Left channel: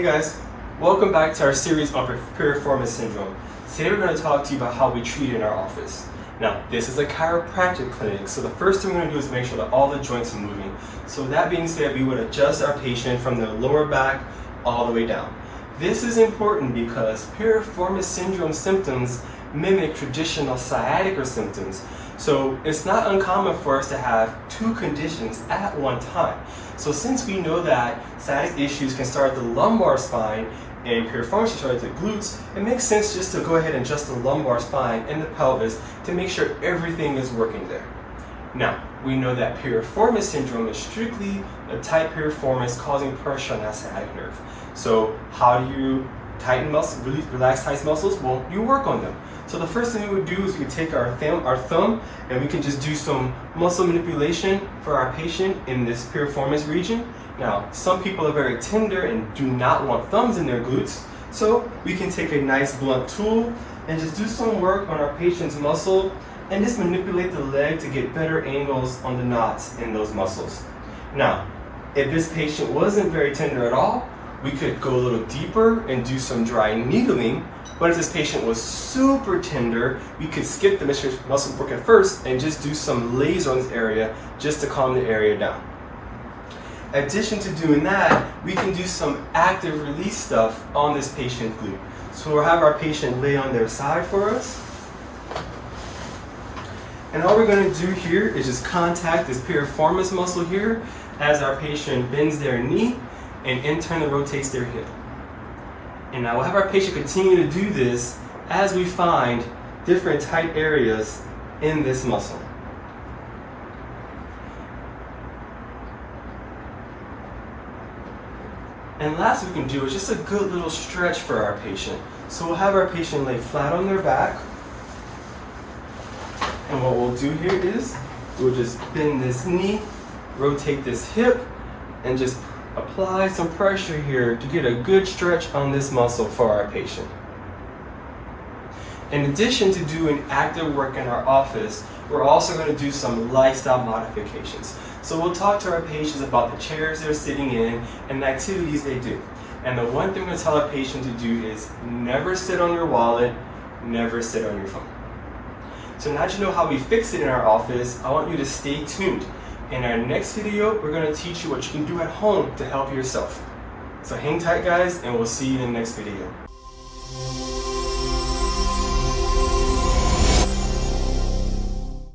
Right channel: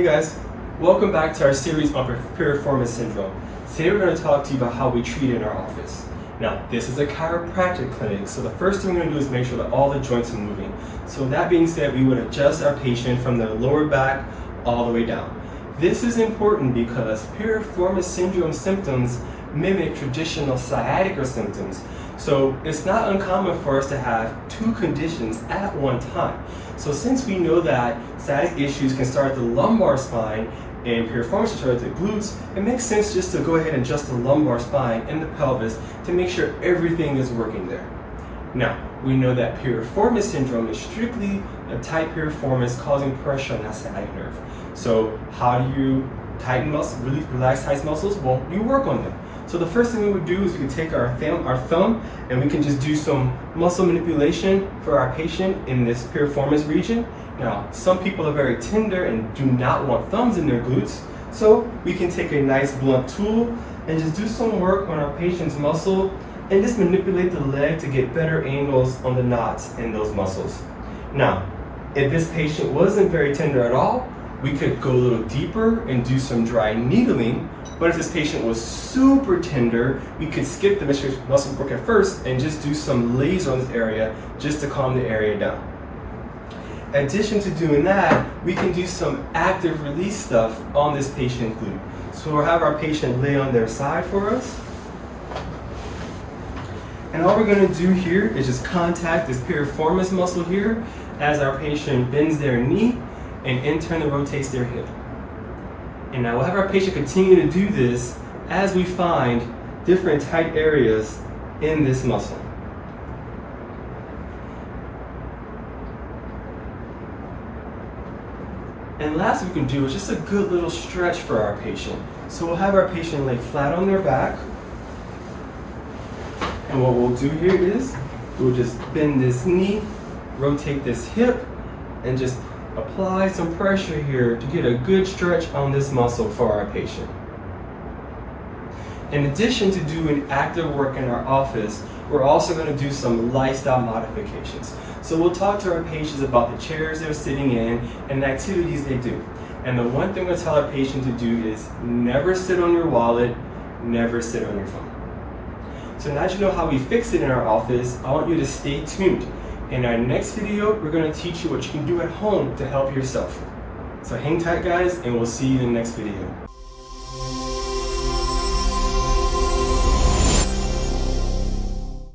Hey guys, welcome back to our series on Piriformis syndrome. Today we're going to talk to you about how we treat it in our office. Now, this is a chiropractic clinic, so the first thing we're going to do is make sure that all the joints are moving. So with that being said, we would adjust our patient from the lower back all the way down. This is important because Piriformis syndrome symptoms mimic traditional sciatica symptoms. So it's not uncommon for us to have two conditions at one time. So since we know that sciatic issues can start at the lumbar spine and piriformis can start at the glutes, it makes sense just to go ahead and adjust the lumbar spine and the pelvis to make sure everything is working there. Now, we know that piriformis syndrome is strictly a tight piriformis causing pressure on that sciatic nerve. So how do you tighten muscles, really relax tight muscles? Well, you work on them. So the first thing we would do is we take our thumb and we can just do some muscle manipulation for our patient in this piriformis region. Now, some people are very tender and do not want thumbs in their glutes, so we can take a nice blunt tool and just do some work on our patient's muscle and just manipulate the leg to get better angles on the knots in those muscles. Now, if this patient wasn't very tender at all, we could go a little deeper and do some dry needling. But if this patient was super tender, we could skip the muscle work at first and just do some laser on this area just to calm the area down. In addition to doing that, we can do some active release stuff on this patient glute. So we'll have our patient lay on their side for us. And all we're going to do here is just contact this piriformis muscle here as our patient bends their knee and internally rotates their hip. And now we'll have our patient continue to do this as we find different tight areas in this muscle. And last we can do is just a good little stretch for our patient. So we'll have our patient lay flat on their back. And what we'll do here is we'll just bend this knee, rotate this hip, and just apply some pressure here to get a good stretch on this muscle for our patient. In addition to doing active work in our office, we're also going to do some lifestyle modifications. So we'll talk to our patients about the chairs they're sitting in and the activities they do. And the one thing we tell our patient to do is never sit on your wallet, never sit on your phone. So now that you know how we fix it in our office, I want you to stay tuned. In our next video, we're going to teach you what you can do at home to help yourself. So hang tight guys, and we'll see you in the next video.